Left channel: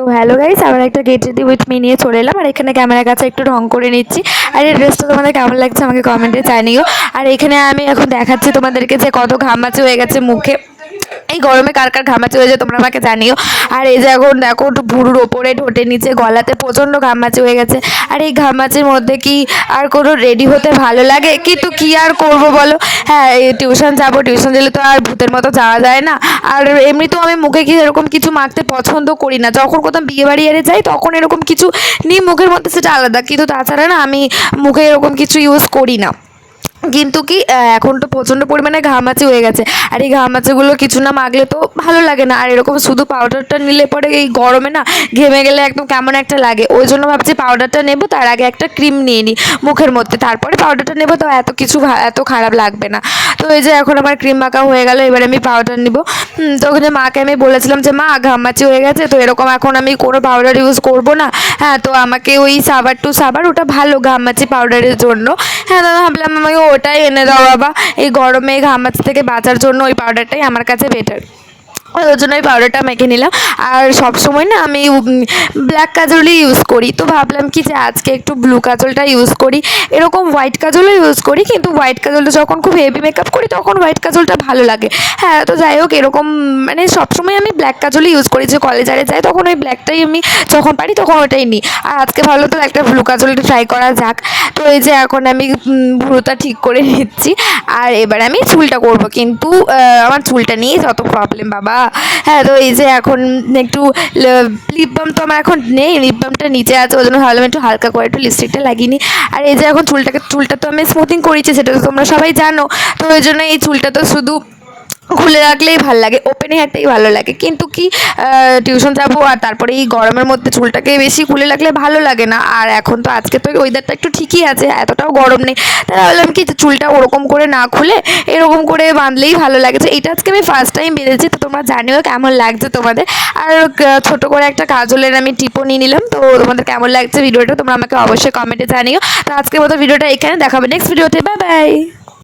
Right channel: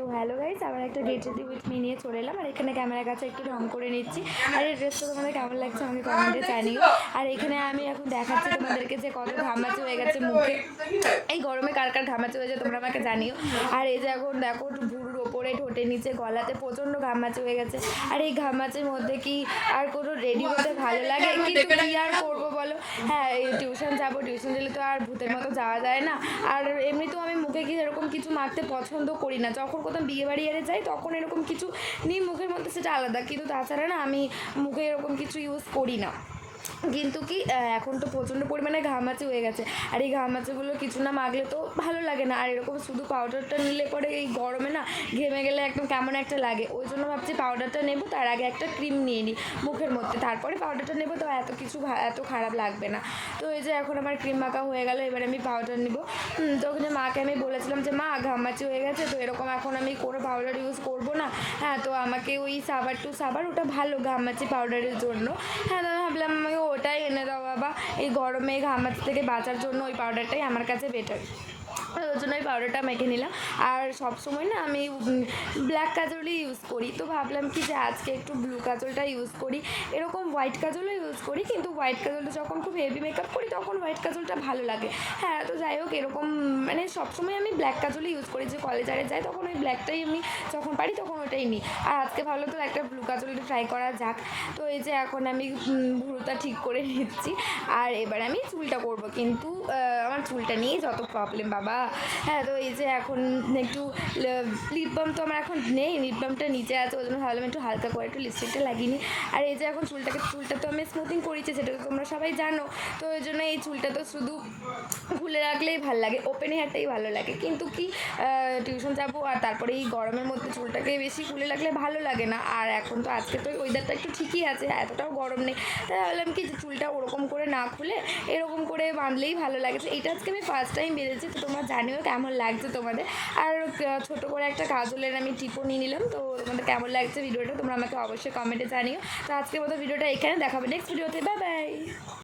তো hello guys, আবার একটা গেট রেডি উইথ মি নিয়ে চলে এলাম। আর এখানে ক্যামেরার কাছে একটু ঢং করে নিচ্ছি। আর এই ড্রেসটা তোমাদের কেমন লাগছে আমাকে কমেন্টে জানিও। আর এখানে আমি এখন দেখাচ্ছি তোমাদেরকে যে কত ঘামাচি হয়ে গেছে মুখে। এই গরমে কার কার ঘামাচি হয়ে যায় তোমরা আমাকে জানিও। আর এই যে এখন দেখো একটু ভুরুর ওপরে ঠোঁটের নিচে গলাতে প্রচণ্ড ঘামাচি হয়ে গেছে। আর এই ঘামাচির মধ্যে কি আর কোনো রেডি হতে ভালো লাগে? কিন্তু কি আর করব বলো। হ্যাঁ, এই টিউশন যাবো, টিউশন গেলে তো আর ভূতের মতো যাওয়া যায় না। আর এমনিতেও আমি মুখে কি এরকম কিছু মাখতে পছন্দ করি না। যখন কোথাও বিয়ে বাড়ি এড়ে যাই তখন এরকম কিছু নিই মুখের মধ্যে, সেটা আলাদা। কিন্তু তাছাড়া না আমি মুখে এরকম কিছু ইউজ করি না। কিন্তু কি এখন তো প্রচণ্ড পরিমাণে ঘামাচি হয়ে গেছে। আর এই ঘামাচিগুলো কিছু না মাখলে তো ভালো লাগে না। আর এরকম শুধু পাউডারটা নিলে পরে এই গরমে না ঘেমে গেলে একদম কেমন একটা লাগে। ওই জন্য ভাবছি পাউডারটা নেবো, তার আগে একটা ক্রিম নিয়ে নিই মুখের মধ্যে, তারপরে পাউডারটা নেবো, তো এত কিছু এত খারাপ লাগবে না। তো এই যে এখন আমার ক্রিম মাখা হয়ে গেল, এবার আমি পাউডার নিব। তো ওখানে মাকে আমি বলেছিলাম যে মা ঘামাচি হয়ে গেছে, তো এরকম এখন আমি কোনো পাউডার ইউজ করব না। হ্যাঁ, তো আমাকে ওই সাবার টু সাবার, ওটা ভালো ঘামাচি পাউডারের জন্য। হ্যাঁ, দাদা ভাবলাম আমাকে ওটাই এনে দাও বাবা। এই গরমে ঘামাচি থেকে বাঁচার জন্য ওই পাউডারটাই আমার কাছে বেটার। ওই জন্য ওই পাউডারটা মেখে নিলাম। আর সব সময় না আমি ব্ল্যাক কাজলই ইউজ করি। তো ভাবলাম কি যে আজকে একটু ব্লু কাজলটা ইউজ করি। এরকম হোয়াইট কাজলও ইউজ করি, কিন্তু হোয়াইট কাজলটা যখন খুব হেভি মেকআপ করি তখন হোয়াইট কাজলটা ভালো লাগে। হ্যাঁ, তো যাই হোক, এরকম মানে সবসময় আমি ব্ল্যাক কাজলই ইউজ করি। যে কলেজারে যাই তখন ওই ব্ল্যাকটাই আমি যখন পারি তখন ওটাই নিই। আর আজকে ভালো তো একটা ব্লু কাজলটা ট্রাই করা যাক। তো এই যে এখন আমি ভুরুটা ঠিক করে নিচ্ছি। আর এবার আমি চুলটা করব, কিন্তু আমার চুলটা নিয়ে যত প্রবলেম বাবা। হ্যাঁ, তো এই যে এখন একটু লিপ বাম তো আমার এখন নেই, লিপ বামটা নিচে আছে, ওই জন্য ভাবলাম একটু হালকা করে একটু লিপস্টিকটা লাগিয়ে নিই। আর এই যে এখন চুলটা তো আমি স্মুথিং করেছি, সেটা তো তোমরা সবাই জানো। তো ওই জন্য এই চুলটা তো শুধু খুলে রাখলেই ভালো লাগে, ওপেনে হাঁটতেই ভালো লাগে। কিন্তু কি টিউশন যাবো, আর তারপরে এই গরমের মধ্যে চুলটাকে বেশি খুলে রাখলে ভালো লাগে না। আর এখন তো আজকে তো ওয়েদারটা একটু ঠিকই আছে, এতটাও গরম নেই। তাই ভাবলাম কি চুলটা ওরকম করে না খুলে এরকম করে বাঁধলেই ভালো লাগে। তো এটা আজকে আমি ফার্স্ট টাইম বেঁধেছি, তো তোমরা জানিও কেমন লাগছে তোমাদের। আর ছোটো করে একটা কাজলের আমি টিপও নিয়ে নিলাম। তো তোমাদের কেমন লাগছে ভিডিওটা তোমরা আমাকে অবশ্যই কমেন্টে জানিও। তো আজকের মতো ভিডিওটা এখানে দেখাবে নেক্সট ভিডিওতে। Bye bye.